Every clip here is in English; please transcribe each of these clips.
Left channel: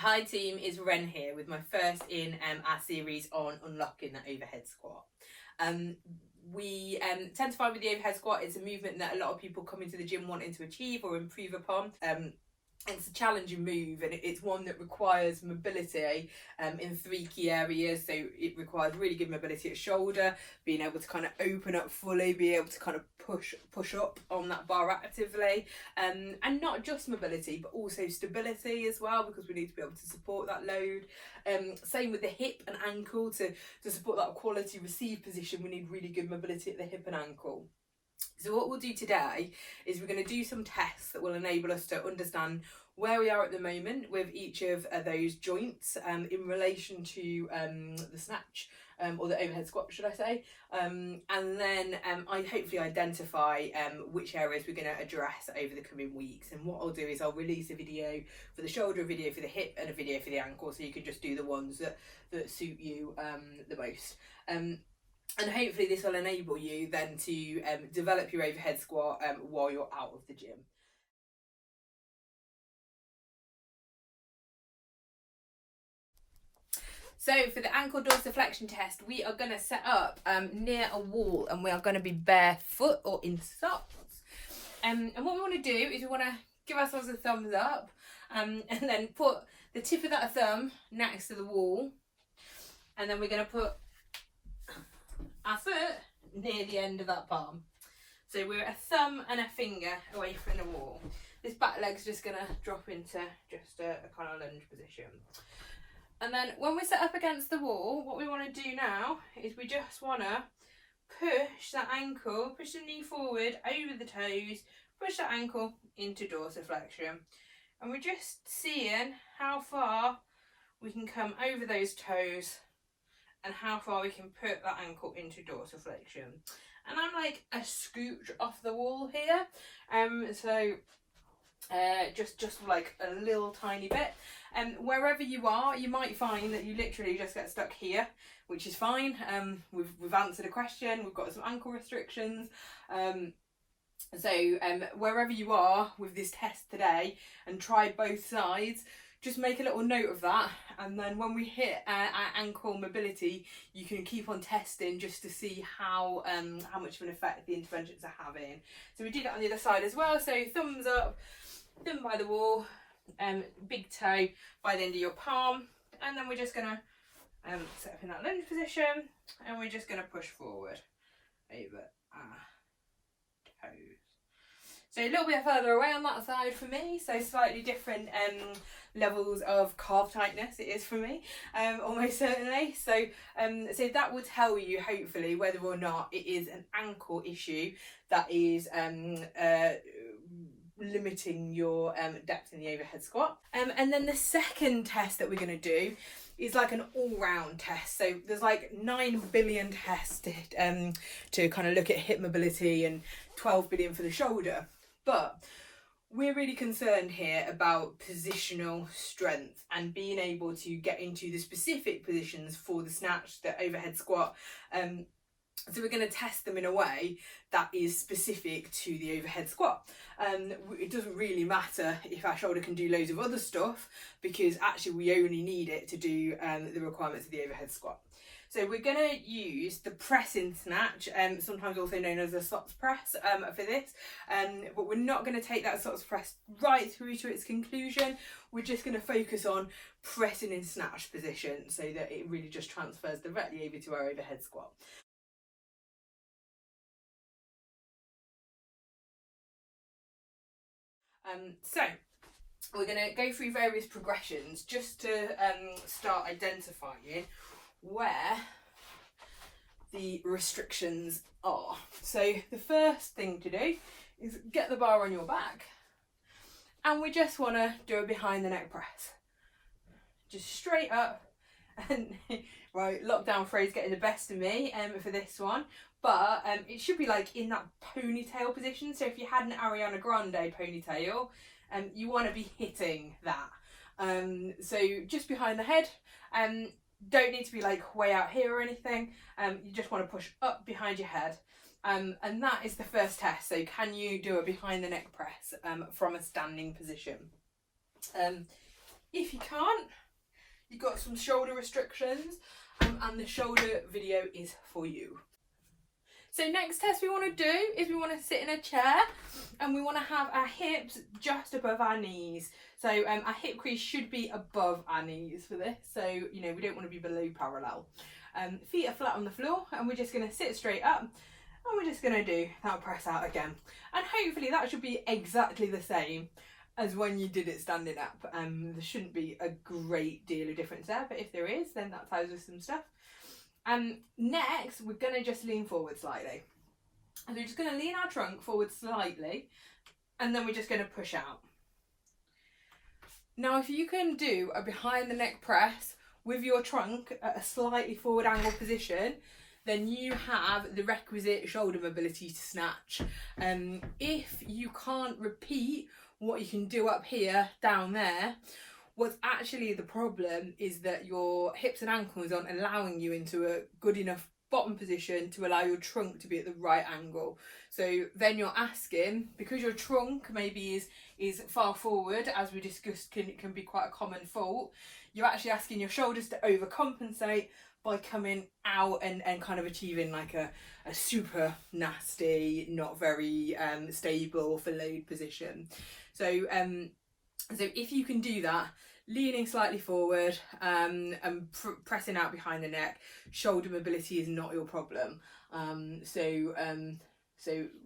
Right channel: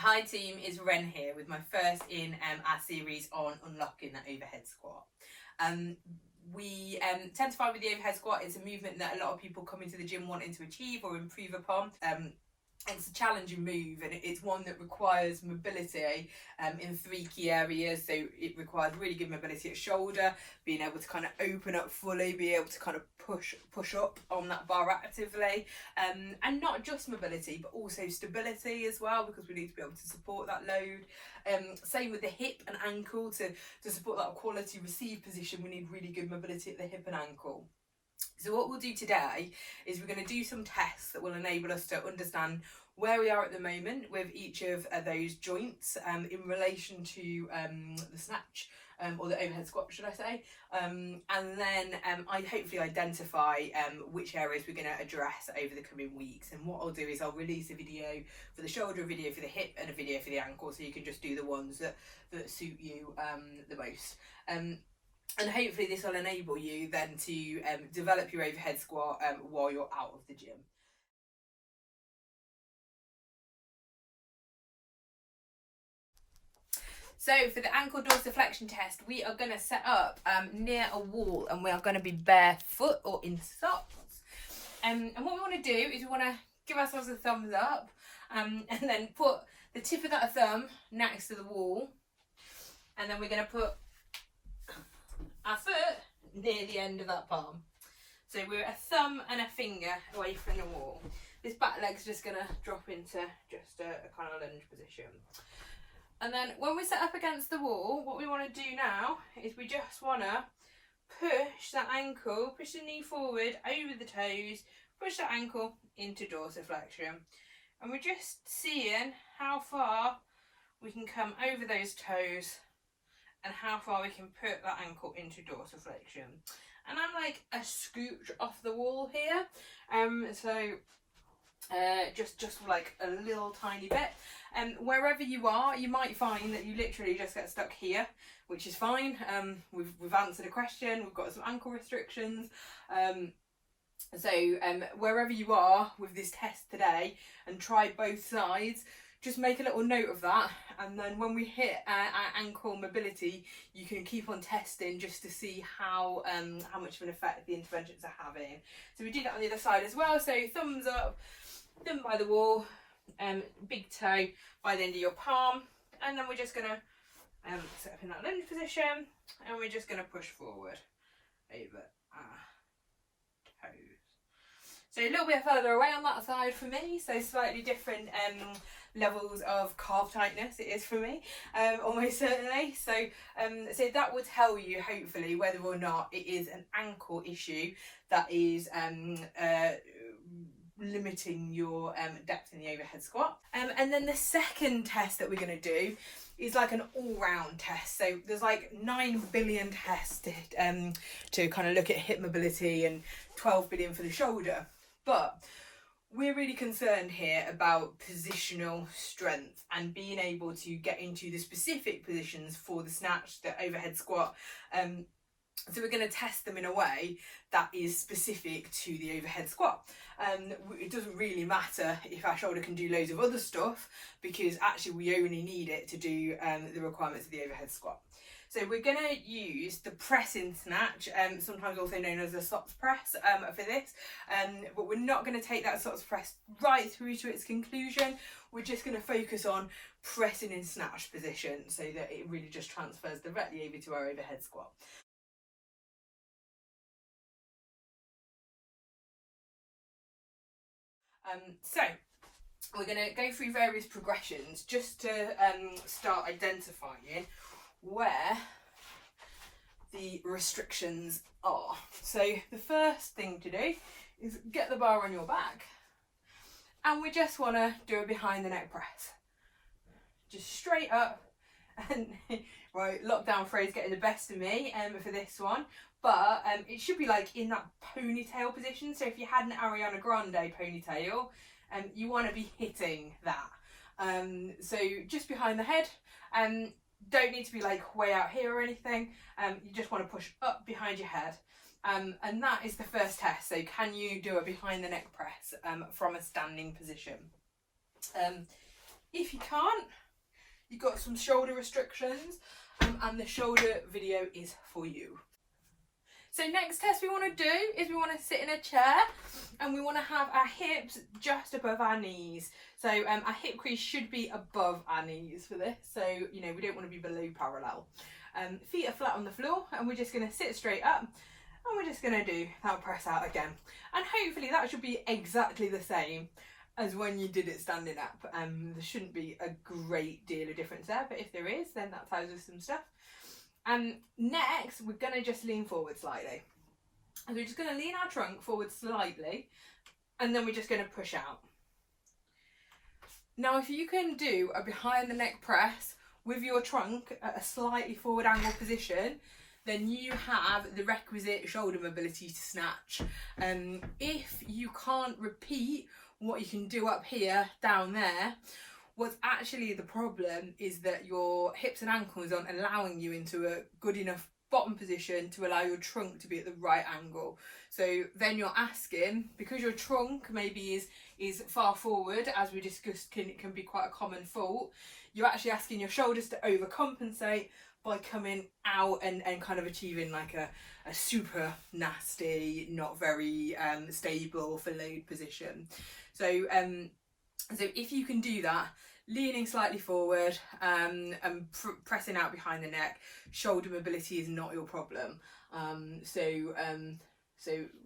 Hi team, it's Ren here with my first in our series on unlocking the overhead squat. We tend to find with the overhead squat, it's a movement that a lot of people come into the gym wanting to achieve or improve upon. It's a challenging move, and it's one that requires mobility in three key areas. So it requires really good mobility at shoulder, being able to kind of open up fully, be able to kind of push up on that bar actively, and not just mobility but also stability as well, because we need to be able to support that load. Same with the hip and ankle, to support that quality receive position, we need really good mobility at the hip and ankle. So what we'll do today is we're going to do some tests that will enable us to understand where we are at the moment with each of those joints in relation to the snatch or the overhead squat, should I say, and then I hopefully identify which areas we're going to address over the coming weeks. And what I'll do is I'll release a video for the shoulder, a video for the hip, and a video for the ankle, so you can just do the ones that suit you the most. And hopefully this will enable you then to develop your overhead squat while you're out of the gym. So for the ankle dorsiflexion test, we are going to set up near a wall, and we are going to be barefoot or in socks. And what we want to do is we want to give ourselves a thumbs up and then put the tip of that thumb next to the wall, and then we're going to put our foot near the end of that palm. So we're a thumb and a finger away from the wall. This back leg's just going to drop into just a kind of lunge position. And then when we're set up against the wall, what we want to do now is we just want to push that ankle, push the knee forward over the toes, push that ankle into dorsiflexion. And we're just seeing how far we can come over those toes and how far we can put that ankle into dorsiflexion. And I'm like a scooch off the wall here, so just like a little tiny bit. Wherever you are, you might find that you literally just get stuck here, which is fine. We've answered a question, we've got some ankle restrictions. So wherever you are with this test today, and try both sides, just make a little note of that, and then when we hit our ankle mobility, you can keep on testing just to see how much of an effect the interventions are having. So we do that on the other side as well. So thumbs up, thumb by the wall, big toe by the end of your palm, and then we're just going to set up in that lunge position, and we're just going to push forward over our toes. So a little bit further away on that side for me, so slightly different levels of calf tightness it is for me, almost certainly. So so that will tell you hopefully whether or not it is an ankle issue that is limiting your depth in the overhead squat. And then the second test that we're going to do is like an all-round test. So there's like 9 billion tests to kind of look at hip mobility, and 12 billion for the shoulder. But we're really concerned here about positional strength and being able to get into the specific positions for the snatch, the overhead squat. So we're going to test them in a way that is specific to the overhead squat. It doesn't really matter if our shoulder can do loads of other stuff, because actually we only need it to do the requirements of the overhead squat. So we're going to use the press-in snatch, sometimes also known as a SOTS press for this, but we're not going to take that SOTS press right through to its conclusion. We're just going to focus on pressing in snatch position so that it really just transfers directly over to our overhead squat. So we're going to go through various progressions just to start identifying where the restrictions are. So the first thing to do is get the bar on your back, and we just want to do a behind the neck press, just straight up. And right, lockdown phrase getting the best of me for this one, but it should be like in that ponytail position. So if you had an Ariana Grande ponytail, you want to be hitting that. So just behind the head, don't need to be like way out here or anything. You just want to push up behind your head. And that is the first test. So can you do a behind the neck press from a standing position? If you can't, you've got some shoulder restrictions, and the shoulder video is for you. So next test we want to do is we want to sit in a chair and we want to have our hips just above our knees. So our hip crease should be above our knees for this. So, you know, we don't want to be below parallel. Feet are flat on the floor and we're just going to sit straight up and we're just going to do that press out again. And hopefully that should be exactly the same as when you did it standing up. There shouldn't be a great deal of difference there, but if there is, then that tells us some stuff. Next, we're going to just lean forward slightly. And we're just going to lean our trunk forward slightly, and then we're just going to push out. Now, if you can do a behind the neck press with your trunk at a slightly forward angle position, then you have the requisite shoulder mobility to snatch. If you can't repeat what you can do up here, down there, what's actually the problem is that your hips and ankles aren't allowing you into a good enough bottom position to allow your trunk to be at the right angle. So then you're asking, because your trunk maybe is far forward, as we discussed can be quite a common fault, you're actually asking your shoulders to overcompensate by coming out and kind of achieving like a super nasty, not very stable for load position. So if you can do that, leaning slightly forward and pressing out behind the neck, shoulder mobility is not your problem. So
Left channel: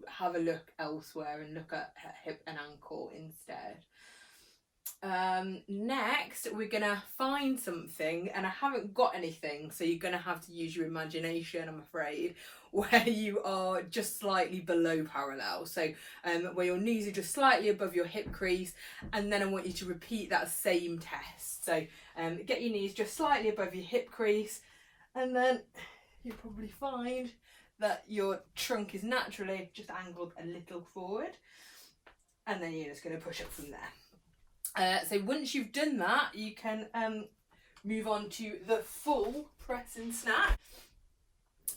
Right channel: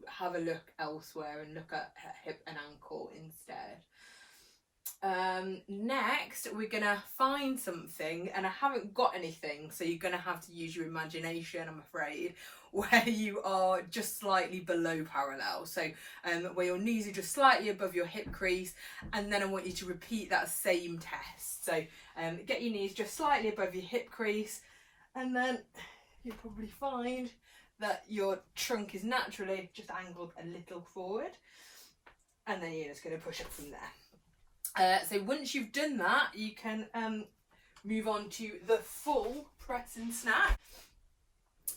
have a look elsewhere and look at hip and ankle instead. Next, we're gonna find something, and I haven't got anything, so you're gonna have to use your imagination, I'm afraid, where you are just slightly below parallel. So where your knees are just slightly above your hip crease, and then I want you to repeat that same test. So get your knees just slightly above your hip crease, and then you'll probably find that your trunk is naturally just angled a little forward, and then you're just going to push up from there. So once you've done that, you can move on to the full press and snatch.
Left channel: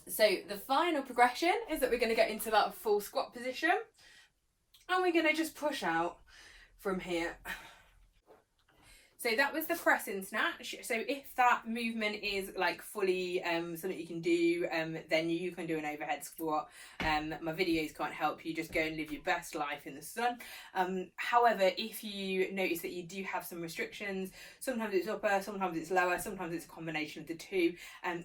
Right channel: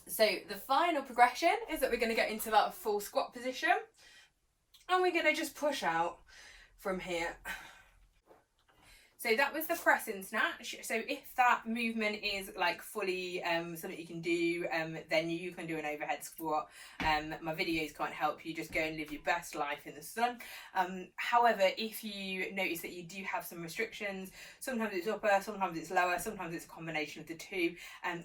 So the final progression is that we're going to get into that full squat position, and we're going to just push out from here. So that was the press and snatch. So if that movement is like fully something you can do, then you can do an overhead squat. My videos can't help you, just go and live your best life in the sun. However, if you notice that you do have some restrictions, sometimes it's upper, sometimes it's lower, sometimes it's a combination of the two,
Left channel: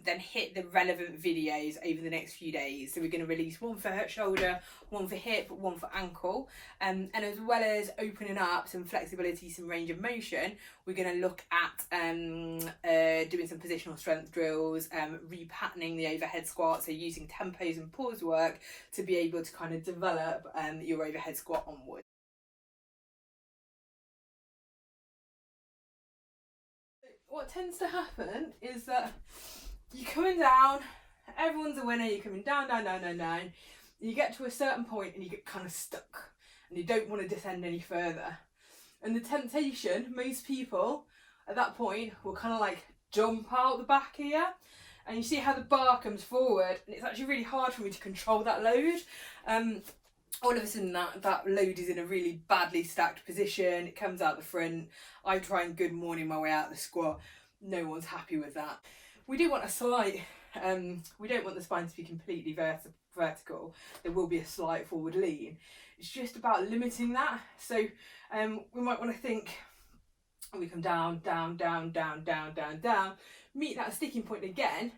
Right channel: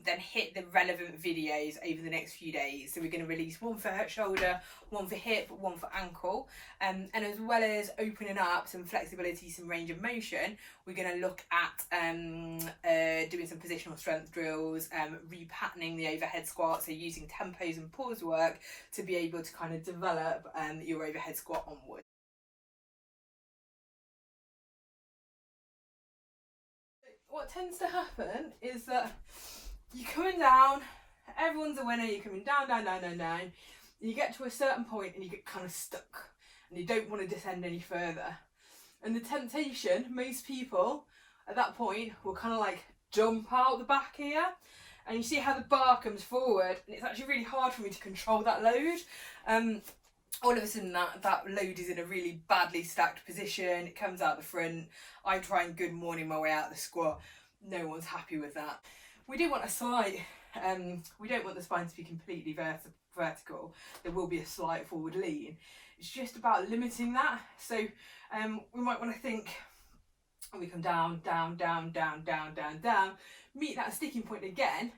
then hit the relevant videos over the next few days. So we're going to release one for shoulder, one for hip, one for ankle, and as well as opening up some flexibility, some range of motion, we're going to look at doing some positional strength drills, repatterning the overhead squat, so using tempos and pause work to be able to kind of develop your overhead squat onward. What tends to happen is that you're coming down, everyone's a winner, you're coming down, down, down, down, down, you get to a certain point and you get kind of stuck and you don't want to descend any further. And the temptation, most people at that point will kind of like jump out the back here, and you see how the bar comes forward, and it's actually really hard for me to control that load. All of a sudden that load is in a really badly stacked position, it comes out the front, I try and good morning my way out of the squat, no one's happy with that. We do want a slight, we don't want the spine to be completely vertical, there will be a slight forward lean. It's just about limiting that. So we might want to think, we come down, down, down, down, down, down, down, meet that sticking point again.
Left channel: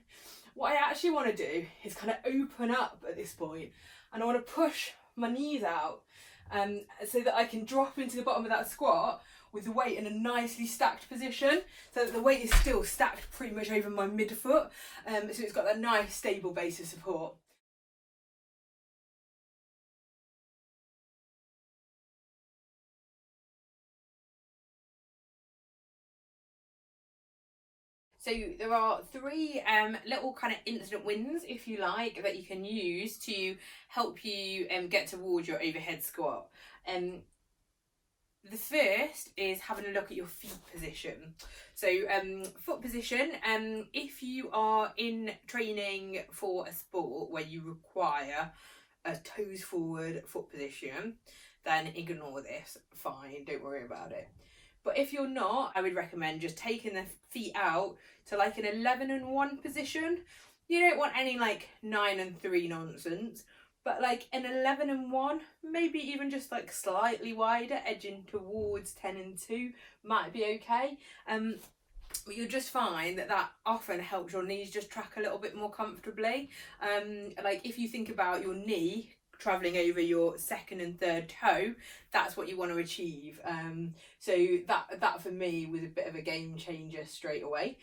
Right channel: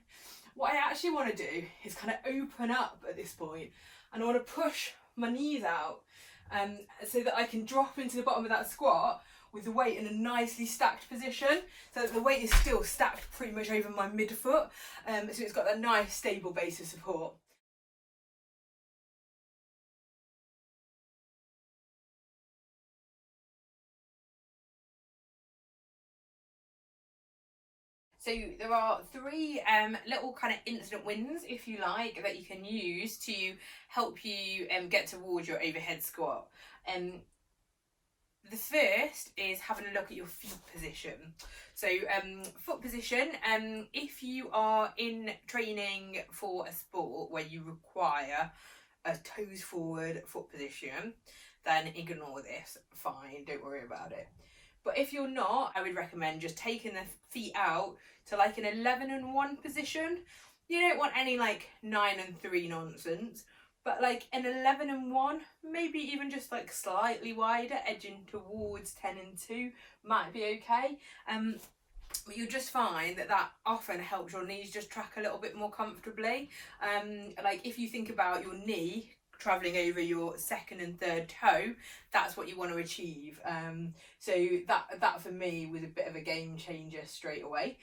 What I actually want to do is kind of open up at this point, and I want to push my knees out so that I can drop into the bottom of that squat with the weight in a nicely stacked position, so that the weight is still stacked pretty much over my midfoot, so it's got that nice stable base of support. So there are three little kind of instant wins, if you like, that you can use to help you get towards your overhead squat. The first is having a look at your feet position. So foot position, if you are in training for a sport where you require a toes forward foot position, then ignore this, fine, don't worry about it. But if you're not, I would recommend just taking the feet out to like an 11 and 1 position. You don't want any like 9 and 3 nonsense, but like an 11 and 1, maybe even just like slightly wider, edging towards 10 and 2 might be okay. But you'll just find that that often helps your knees just track a little bit more comfortably. Like if you think about your knee travelling over your second and third toe, that's what you want to achieve. So that for me was a bit of a game changer straight away.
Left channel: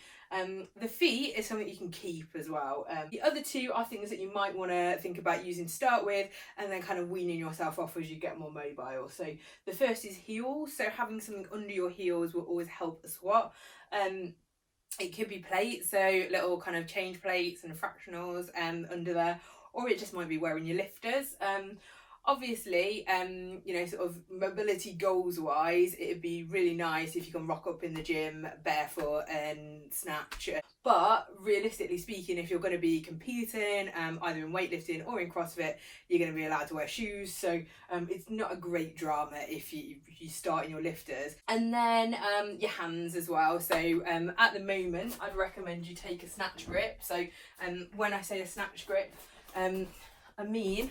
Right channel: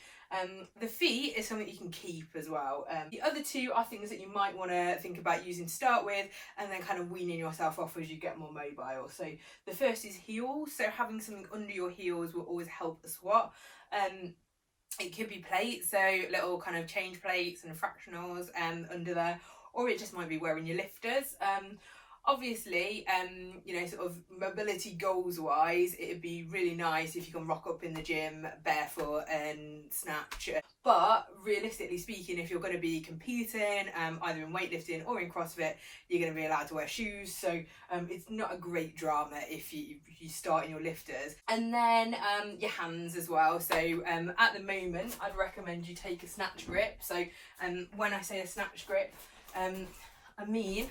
The feet is something you can keep as well. The other two are things that you might want to think about using to start with, and then kind of weaning yourself off as you get more mobile. So the first is heels. So having something under your heels will always help a squat. It could be plates, so little kind of change plates and fractionals under there, or it just might be wearing your lifters. Obviously, you know, sort of mobility goals wise, it'd be really nice if you can rock up in the gym barefoot and snatch. But realistically speaking, if you're going to be competing, either in weightlifting or in CrossFit, you're going to be allowed to wear shoes. So it's not a great drama if you start in your lifters. And then your hands as well. So at the moment, I'd recommend you take a snatch grip. So when I say a snatch grip, I mean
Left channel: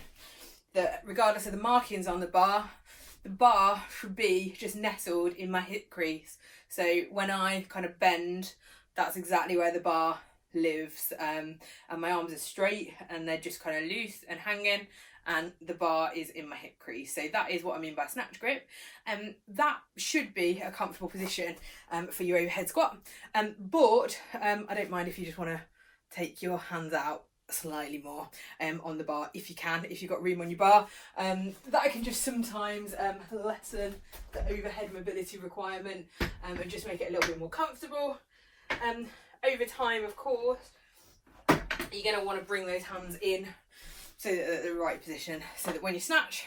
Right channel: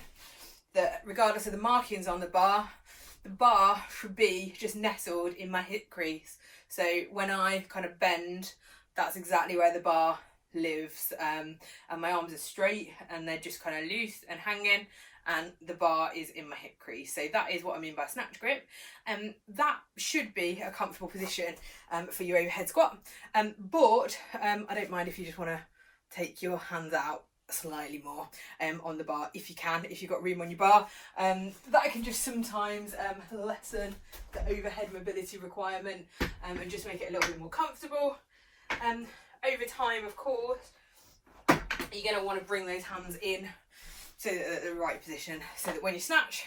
that regardless of the markings on the bar should be just nestled in my hip crease. So when I kind of bend, that's exactly where the bar lives. And my arms are straight and they're just kind of loose and hanging, and the bar is in my hip crease. So that is what I mean by snatch grip. That should be a comfortable position for your overhead squat. But I don't mind if you just want to take your hands out slightly more on the bar if you can, if you've got room on your bar. That can just sometimes lessen the overhead mobility requirement and just make it a little bit more comfortable. Over time, of course, you're going to want to bring those hands in so that they're at the right position, so that when you snatch,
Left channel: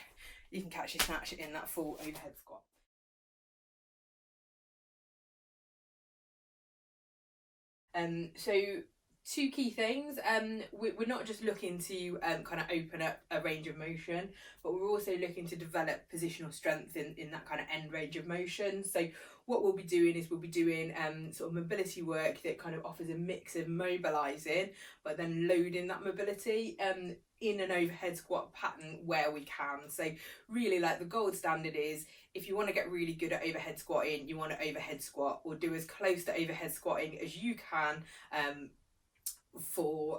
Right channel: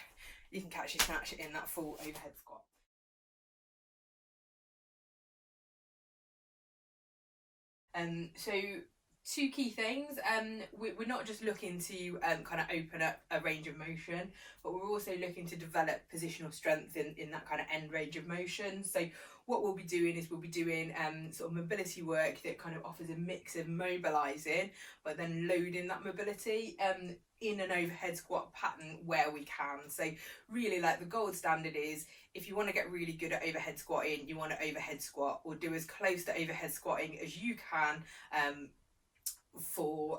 you can catch your snatch in that full overhead squat. So two key things. We're not just looking to kind of open up a range of motion, but we're also looking to develop positional strength in that kind of end range of motion. So what we'll be doing is we'll be doing sort of mobility work that kind of offers a mix of mobilising, but then loading that mobility in an overhead squat pattern where we can. So really, like, the gold standard is, if you want to get really good at overhead squatting, you want to overhead squat or do as close to overhead squatting as you can for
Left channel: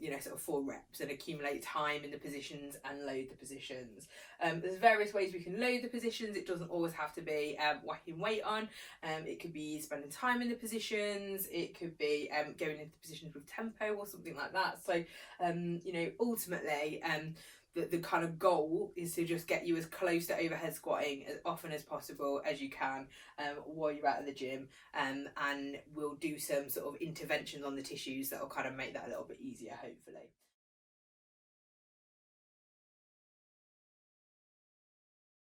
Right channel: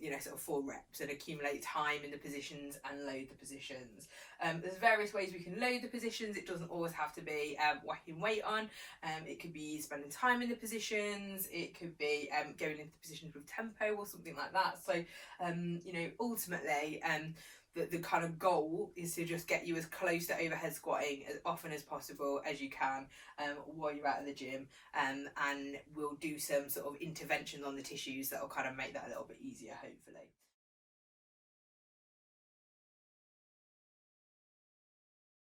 you know, sort of 4 reps, and accumulate time in the positions and load the positions. There's various ways we can load the positions. It doesn't always have to be whacking weight on. It could be spending time in the positions. It could be going into positions with tempo or something like that. So you know, ultimately the kind of goal is to just get you as close to overhead squatting as often as possible as you can while you're out of the gym, and we'll do some sort of interventions on the tissues that will kind of make that a little bit easier, hopefully.